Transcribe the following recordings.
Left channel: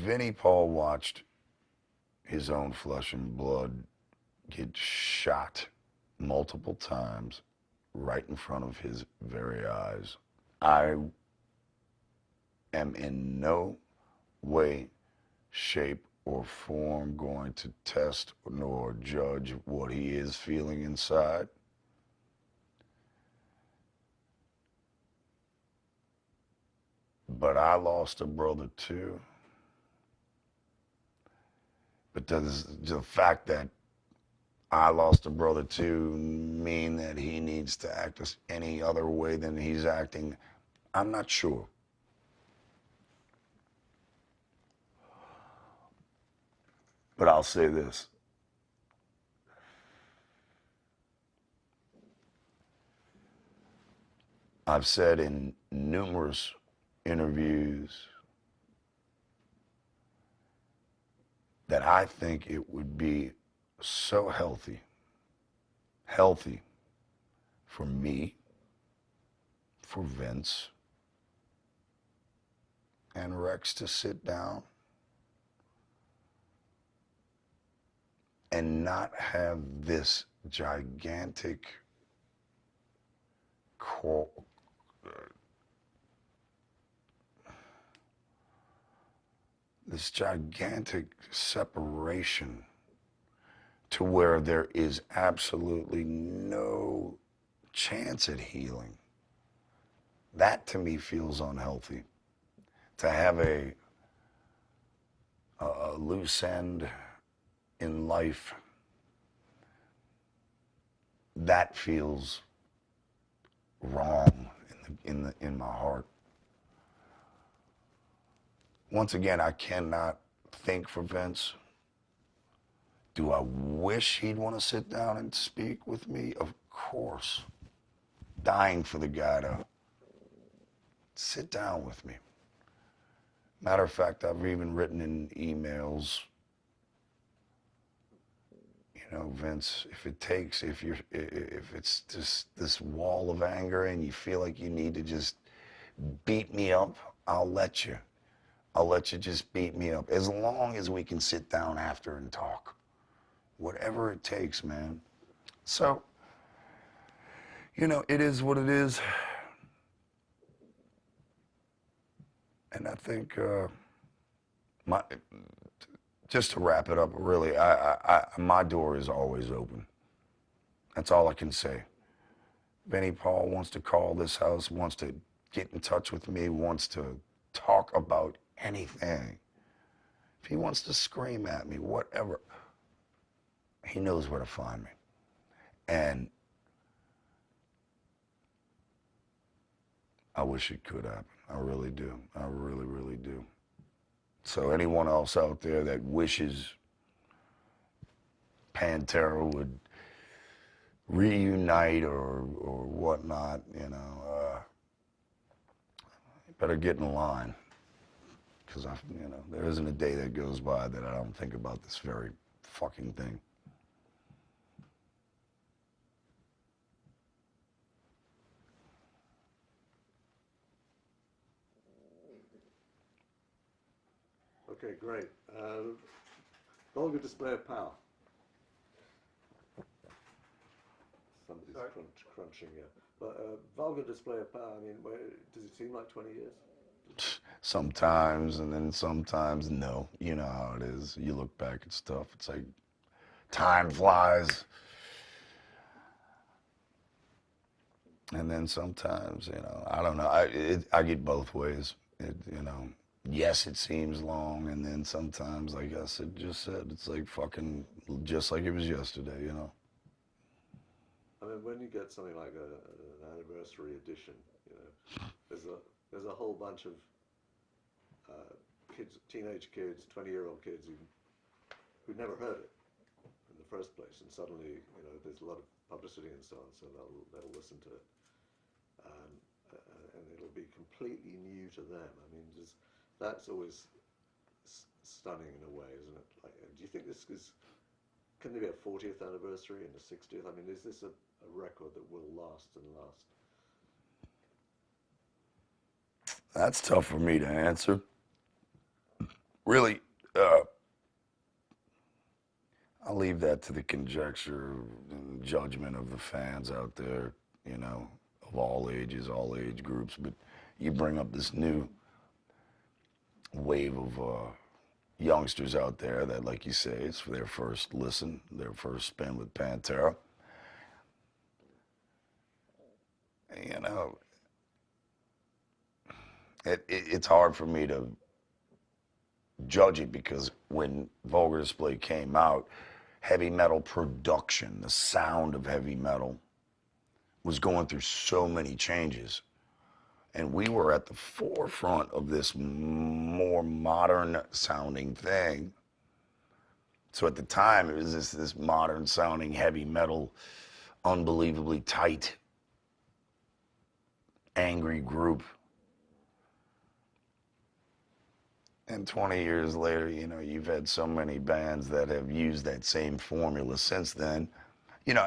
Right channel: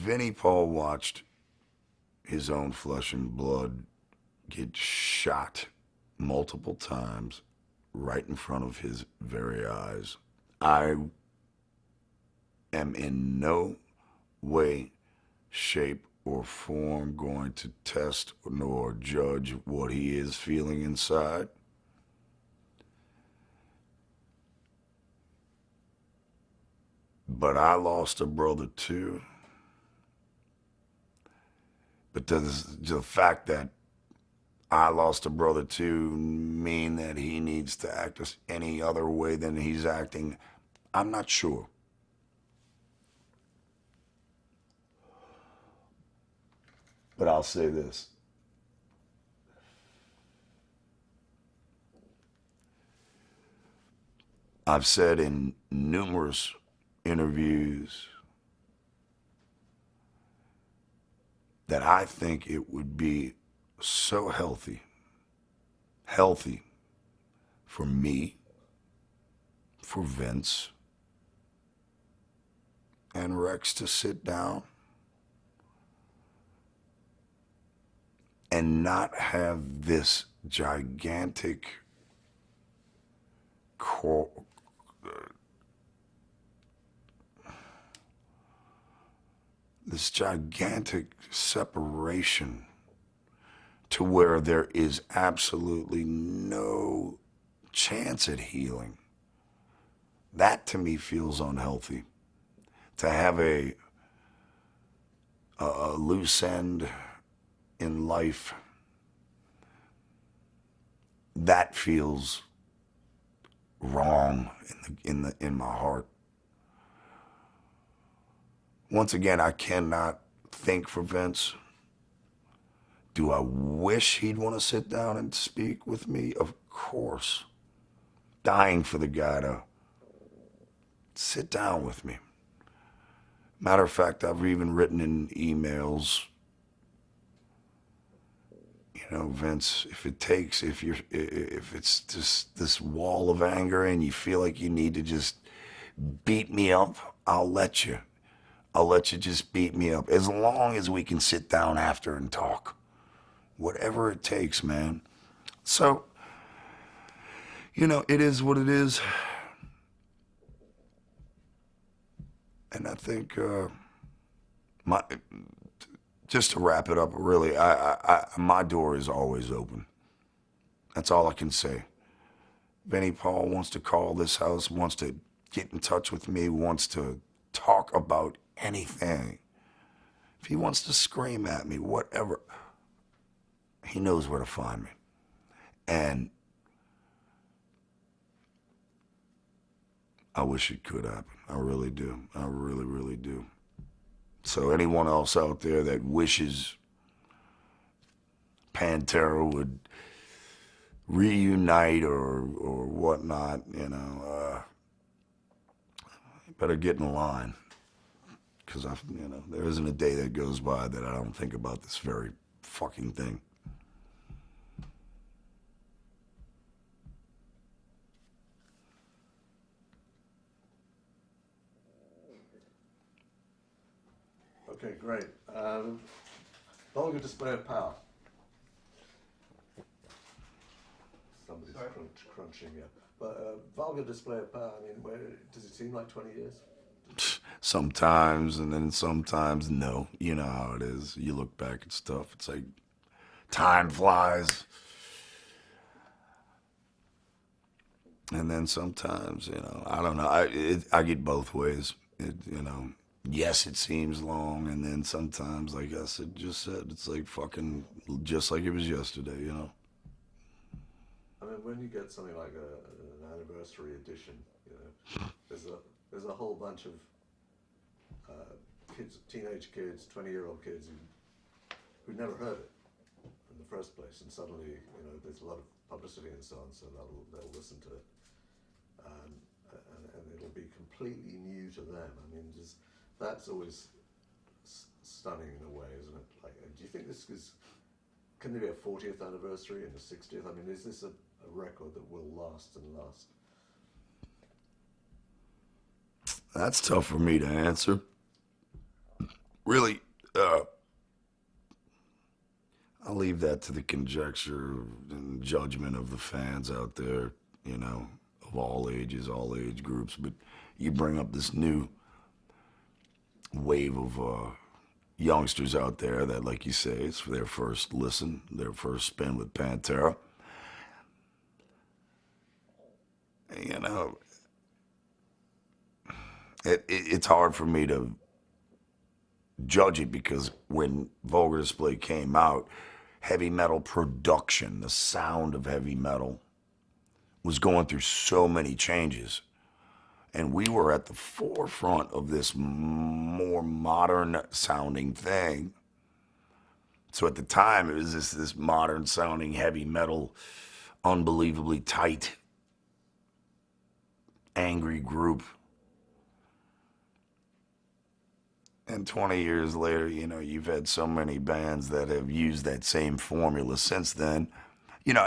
Vinnie Paul watched his own flesh and blood get shot multiple times right in front of his very eyes. I am in no way, shape, or form going to test nor judge what he is feeling inside. But I lost a brother too. But does the fact that I lost a brother too mean that he needs to act any other way than he's acting? I'm not sure. But I'll say this. I've said in numerous interviews that I think it would be so healthy for me, for Vince, and Rex to sit down and not have this gigantic separation to where there is absolutely no chance at healing. That to me feels unhealthy. To have a loose end in life, that feels wrong in my heart. Once again, I cannot think for Vince. Do I wish he'd want to sit down and speak with me? Of course. Dying for the guy to sit down with me. Matter of fact, I've even written in emails, you know, Vince, if it's just this wall of anger and you feel like you need to just beat me up, I'll let you just beat me up. As long as we can sit down after and talk. Whatever it takes, man. So, you know, it is what it is. And I think, just to wrap it up, really, my door is always open. That's all I can say. Vinnie Paul wants to call this house, wants to get in touch with me, wants to talk about anything. If he wants to scream at me, whatever, he knows where to find me. And I wish it could happen. I really do. I really, really do. So anyone else out there that wishes Pantera would reunite or whatnot, you know, better get in line. Because, you know, there isn't a day that goes by that I don't think about this very fucking thing. Okay, great. Vulgar display of power. Somebody's crunching, yeah. But vulgar display of power, I mean, does it seem like 20 years? Sometimes, and then sometimes no. You know how it is. You look back at stuff, it's like time flies. And then sometimes, you know, I don't know. I get both ways. You know, yes, it seems long, and then sometimes, like I just said, it's like fucking just like it was yesterday, you know. I mean, when you get something like an anniversary edition, you know, there's a whole bunch of kids, teenage kids, 20-year-old kids who'd never heard it in the first place, and suddenly, you know, there's a lot of publicity and so on, so they'll listen to it, and it'll be completely new to them. I mean, that's always stunning in a way, isn't it? Like, do you think can there be a 40th anniversary and a 60th? I mean, is this a record that will last and last? That's tough for me to answer. really, I'll leave that to the conjecture and judgment of the fans out there, you know, of all ages, all age groups. But you bring up this new wave of youngsters out there that, like you say, it's their first listen, their first spin with Pantera. You know, it's hard for me to judge it because when Vulgar Display came out, heavy metal production, the sound of heavy metal, was going through so many changes. And we were at the forefront of this more modern sounding thing. So at the time, it was this modern sounding heavy metal, unbelievably tight, angry group. And 20 years later, you know, you've had so many bands that have used that same formula since then. You know,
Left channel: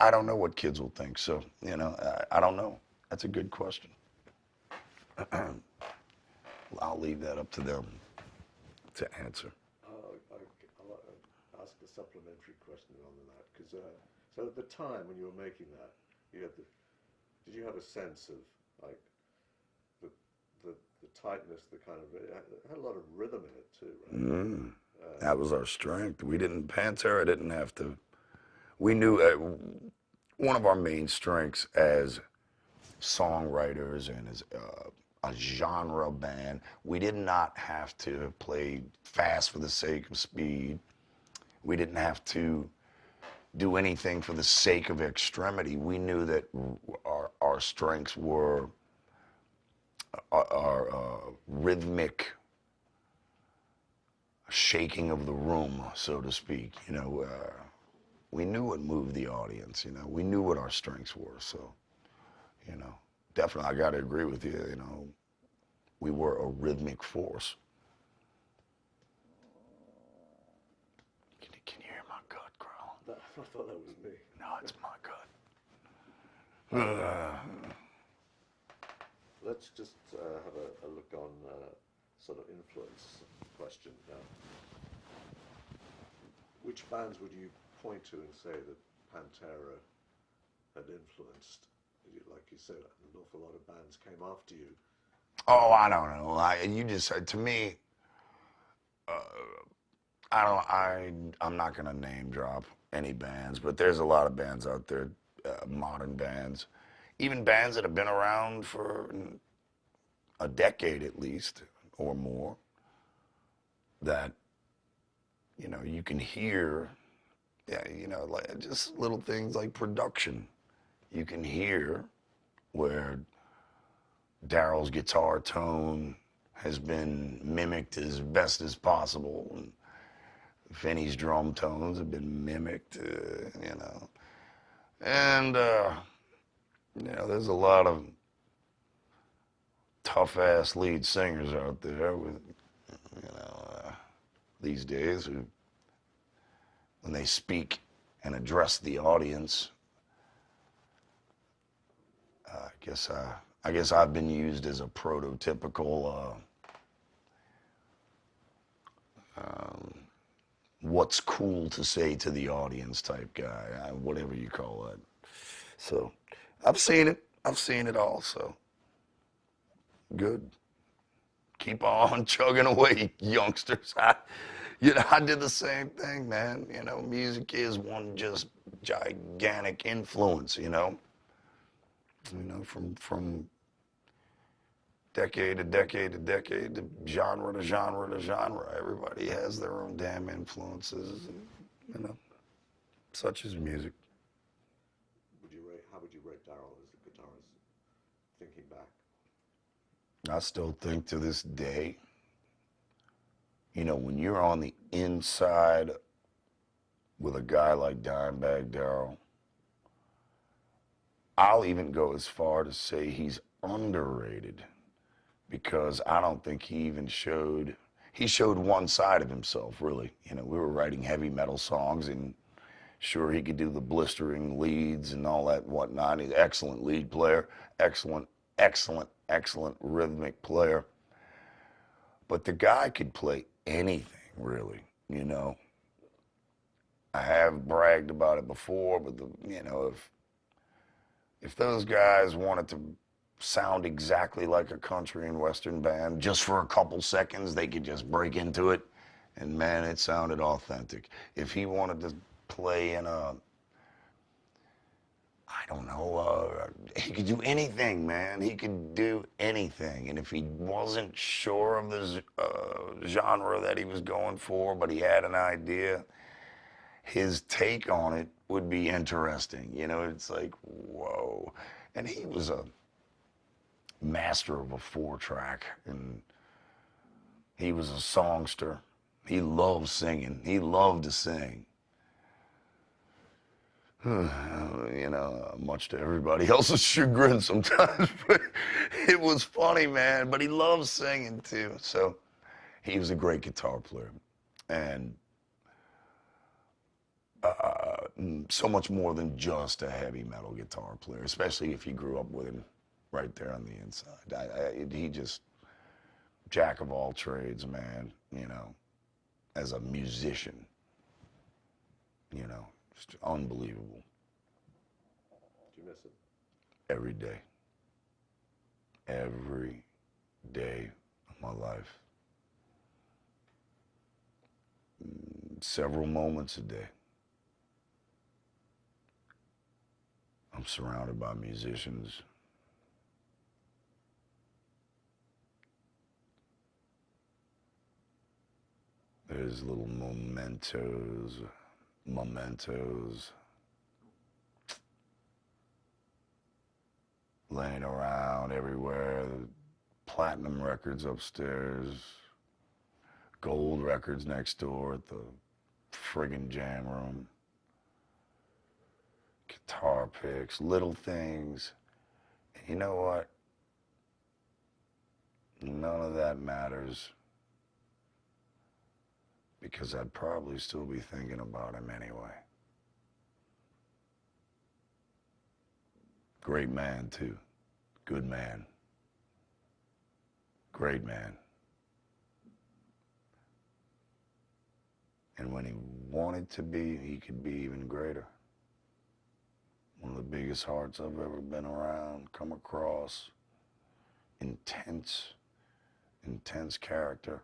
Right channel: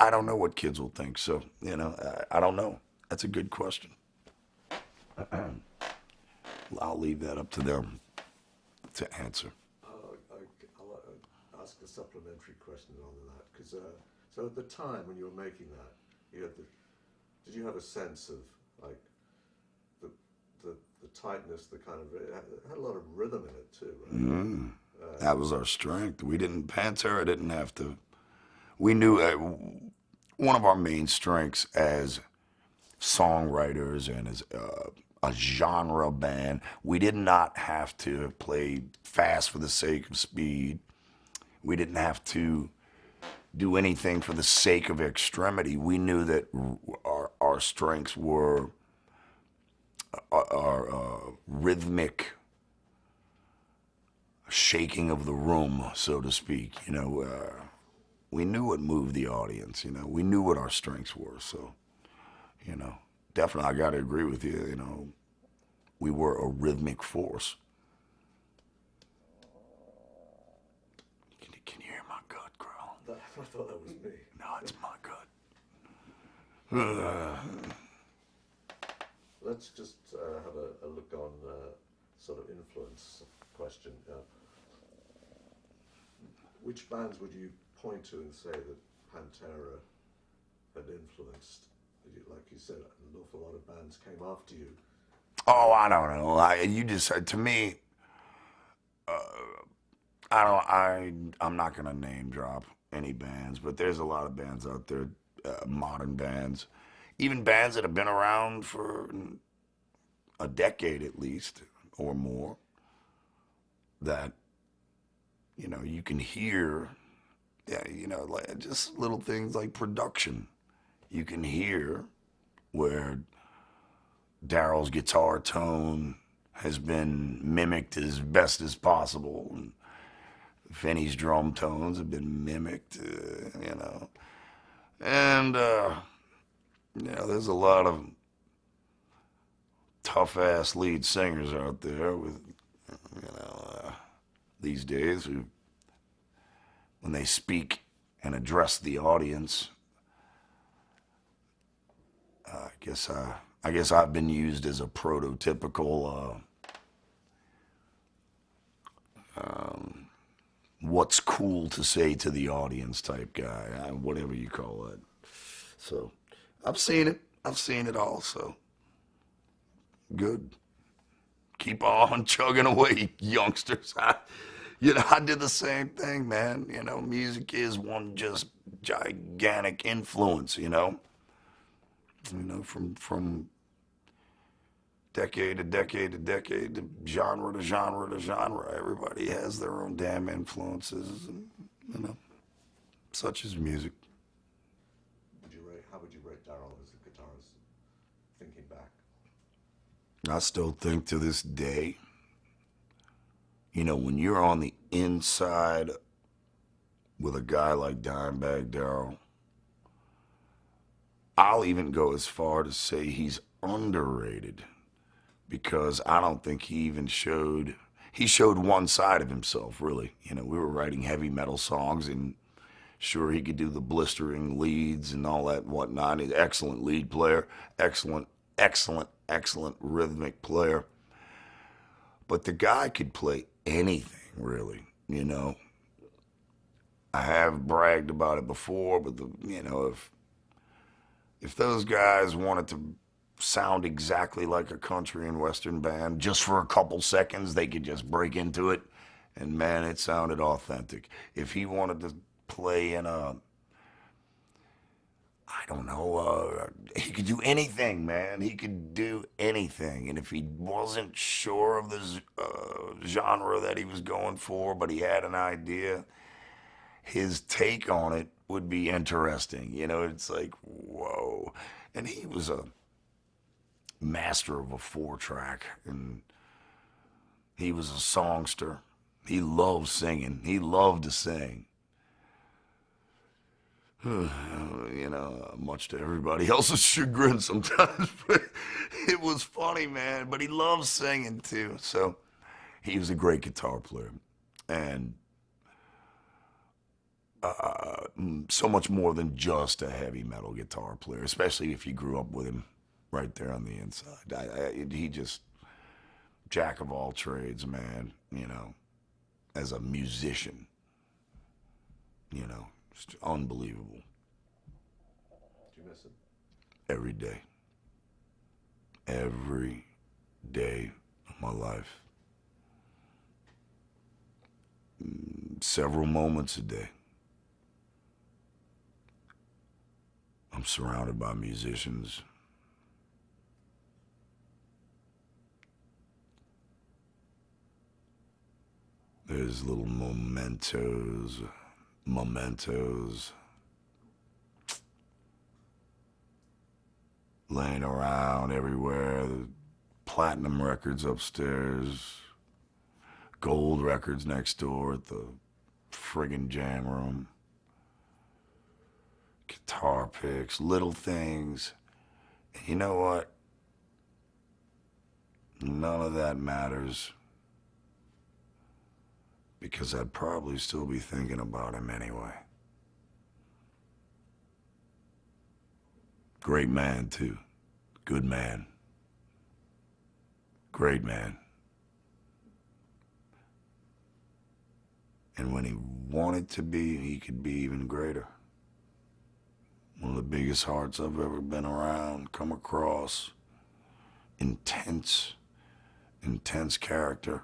I don't know what kids will think. So, you know, I don't know. That's a good question. I'll leave that up to them to answer. I'll ask a supplementary question on that. Because so at the time when you were making that, did you have a sense of like the tightness, the kind of, it had a lot of rhythm in it too, right? That was our strength. Pantera didn't have to, we knew one of our main strengths as songwriters and as a genre band, we did not have to play fast for the sake of speed. We didn't have to do anything for the sake of extremity. We knew that our strengths were our rhythmic shaking of the room, so to speak. You know, we knew what moved the audience. You know, we knew what our strengths were. So, you know, definitely, I got to agree with you. You know, we were a rhythmic force. Can you hear my gut growl? I thought that was me. No, it's my gut. Let's just have a look on sort of influence question. Which bands would you point to and say that Pantera had influenced? Like you said, an awful lot of bands came after you. Oh, I don't know. You just said to me. I'm not gonna name drop any bands, but there's a lot of bands out there, modern bands, even bands that have been around for a decade at least or more, that, you know, you can hear, you know, like just little things like production. You can hear where Daryl's guitar tone has been mimicked as best as possible, and Vinnie's drum tones have been mimicked, you know. And, you know, there's a lot of tough-ass lead singers out there with, you know, these days who, when they speak and address the audience, I guess I've been used as a prototypical what's cool to say to the audience type guy, whatever you call it. So I've seen it all. So good. Keep on chugging away, youngsters. I did the same thing, man. You know, music is one just gigantic influence. You know, from decade to decade to decade, to genre to genre to genre. Everybody has their own damn influences, and, you know, such is music. How would you rate Daryl as a guitarist, thinking back? I still think to this day, you know, when you're on the inside with a guy like Dimebag Darrell, I'll even go as far to say he's underrated. Because I don't think he showed one side of himself, really. You know, we were writing heavy metal songs, and sure, he could do the blistering leads and all that whatnot. He's an excellent lead player, excellent rhythmic player. But the guy could play anything, really. I have bragged about it before, but if those guys wanted to sound exactly like a country and western band just for a couple seconds, they could just break into it, and man, it sounded authentic. If he wanted to play in a, I don't know, he could do anything, man. He could do anything. And if he wasn't sure of the genre that he was going for, but he had an idea, his take on it would be interesting. It's like, whoa. And he was a master of a 4-track, and he was a songster. He loved singing. He loved to sing. Much to everybody else's chagrin sometimes, but it was funny, man. But he loved singing too. So he was a great guitar player, and so much more than just a heavy metal guitar player, especially if you grew up with him right there on the inside. He just, jack of all trades, man, as a musician, just unbelievable. Do you miss him? Every day. Every day of my life. Several moments a day. I'm surrounded by musicians. There's little mementos laying around everywhere. Platinum records upstairs, gold records next door at the friggin' jam room, guitar picks, little things. You know what? None of that matters, because I'd probably still be thinking about him anyway. Great man, too. Good man. Great man. And when he wanted to be, he could be even greater. One of the biggest hearts I've ever been around, come across. Intense character.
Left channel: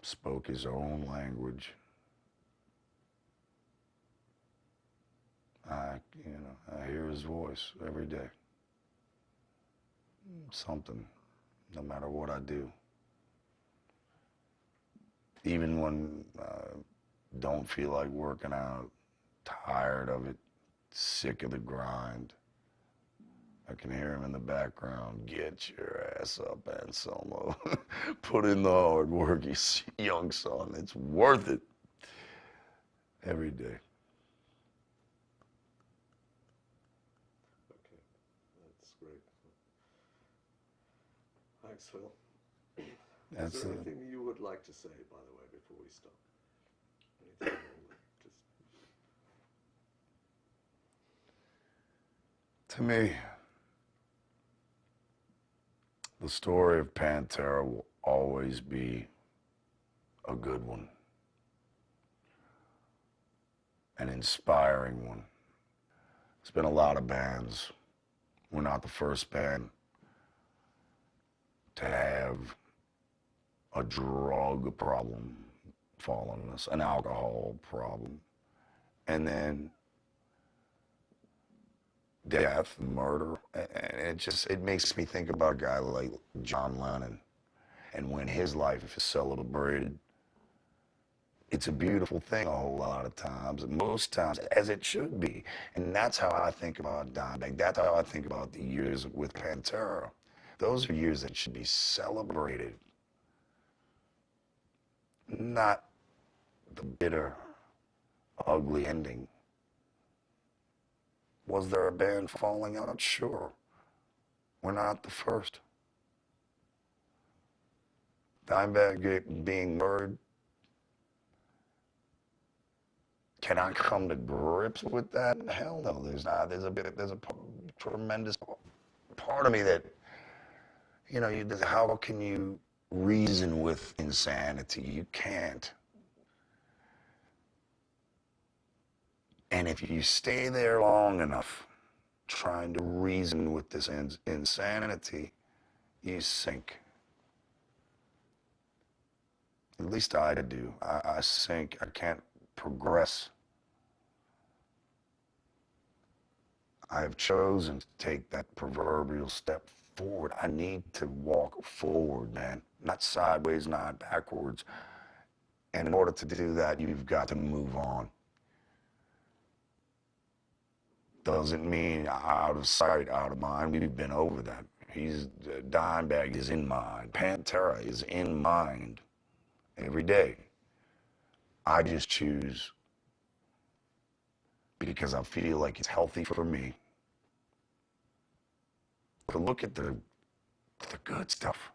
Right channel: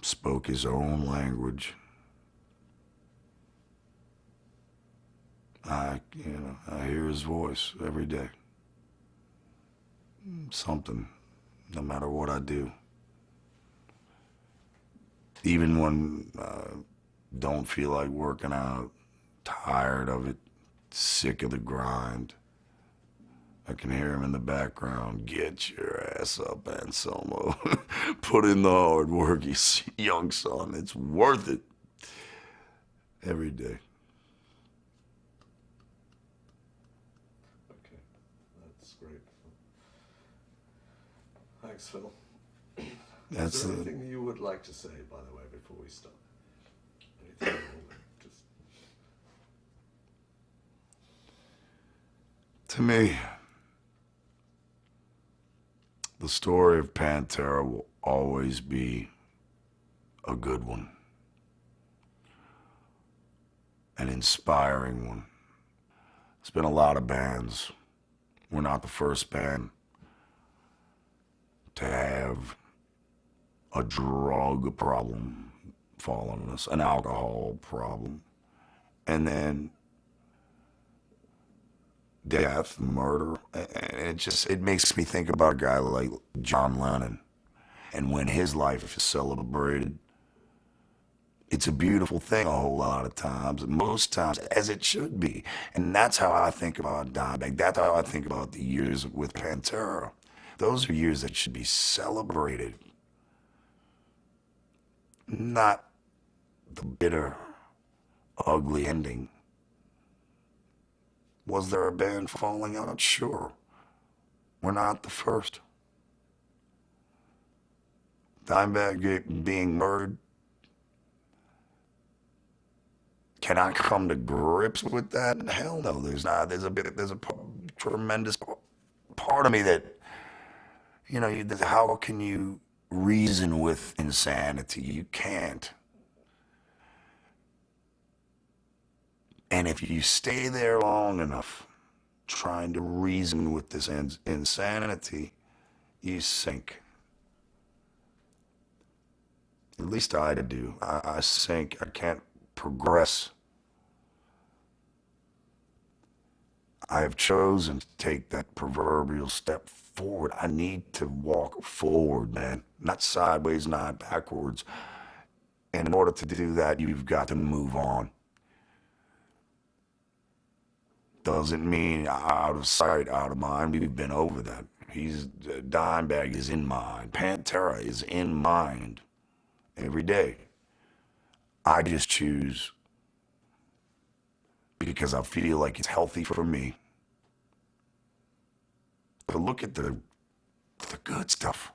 Spoke his own language. I hear his voice every day. Something, no matter what I do. Even when I don't feel like working out, tired of it, sick of the grind, I can hear him in the background. Get your ass up, Anselmo. Put in the hard work, you young son. It's worth it. Every day. Okay, that's great. Thanks, Phil. Is there anything you would like to say, by the way, before we start? Anything just... To me, the story of Pantera will always be a good one, an inspiring one. There's been a lot of bands. We're not the first band to have a drug problem fall on us, an alcohol problem, and then death, murder. And it makes me think about a guy like John Lennon. And when his life is celebrated, it's a beautiful thing a whole lot of times, most times, as it should be. And that's how I think about Dimebag. That's how I think about the years with Pantera. Those are years that should be celebrated, not the bitter, ugly ending. Was there a band falling out? Sure. We're not the first. Dimebag being murdered. Can I come to grips with that? Hell no, there's not. There's a tremendous part of me that, how can you reason with insanity. You can't. And if you stay there long enough trying to reason with this insanity, you sink. At least I do. I sink. I can't progress. I have chosen to take that proverbial step forward. I need to walk forward, man. Not sideways, not backwards. And in order to do that, you've got to move on. Doesn't mean out of sight, out of mind. We've been over that. Dimebag is in mind. Pantera is in mind every day. I just choose because I feel like it's healthy for me. But look at the good stuff,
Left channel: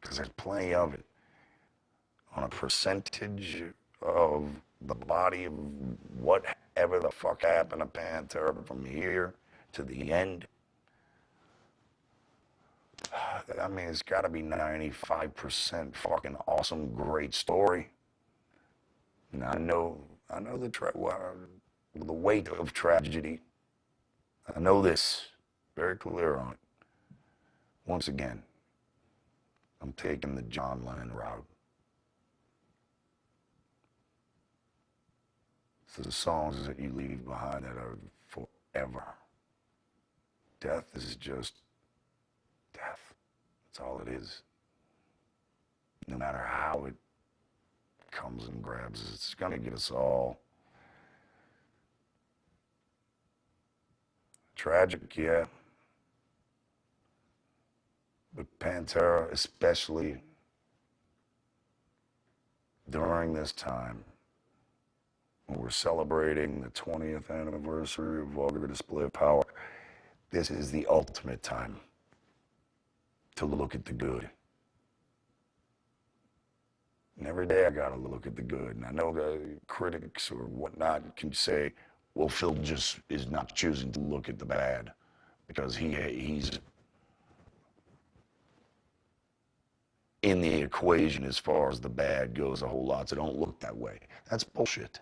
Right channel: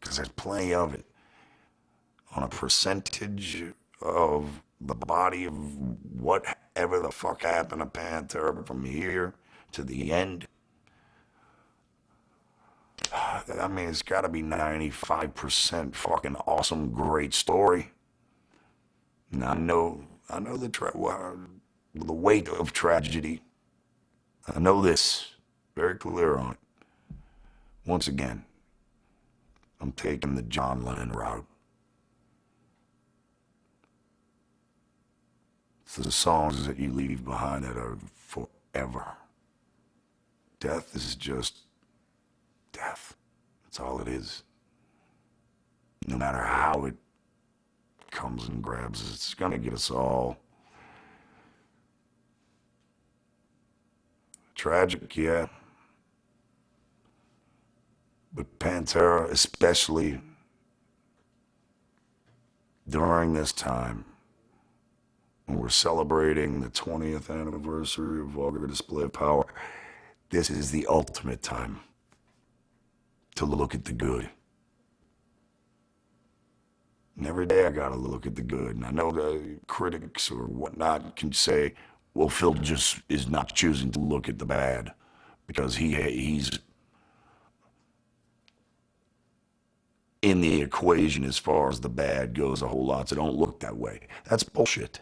because there's plenty of it. On a percentage of the body of whatever the fuck happened to Pantera from here to the end, I mean, it's got to be 95% fucking awesome, great story. And I know the weight of tragedy. I know this, very clear on it. Once again, I'm taking the John Lennon route. It's the songs that you leave behind that are forever. Death is just death. That's all it is. No matter how it comes and grabs us, it's gonna get us all. Tragic, yeah. But Pantera, especially during this time, when we're celebrating the 20th anniversary of Vulgar Display of Power, this is the ultimate time to look at the good. And every day I gotta look at the good. And I know the critics or whatnot can say, well, Phil just is not choosing to look at the bad because he's in the equation as far as the bad goes a whole lot, so don't look that way. That's bullshit.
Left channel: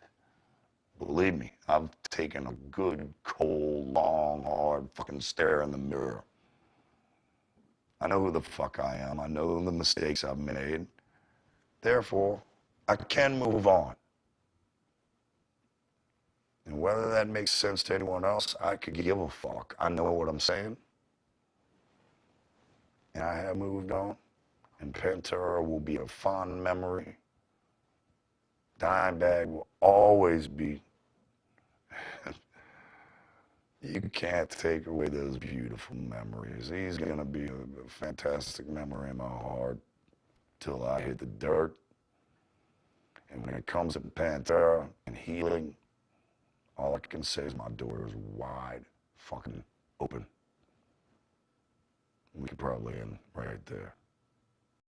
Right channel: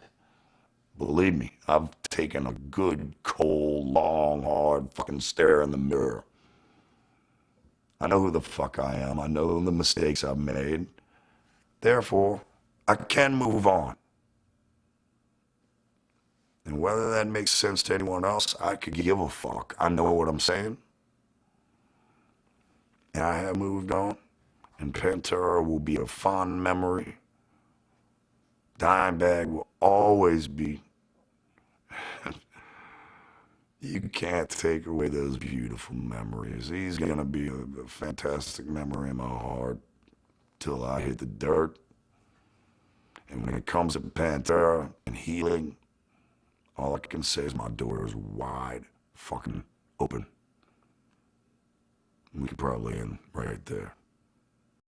Believe me, I've taken a good, cold, long, hard fucking stare in the mirror. I know who the fuck I am. I know the mistakes I've made. Therefore, I can move on. And whether that makes sense to anyone else, I could give a fuck. I know what I'm saying. And I have moved on. And Pantera will be a fond memory. Dimebag will always be. You can't take away those beautiful memories. He's going to be a fantastic memory in my heart till I hit the dirt. And when it comes to Pantera and healing, all I can say is my door is wide fucking open. We could probably end right there.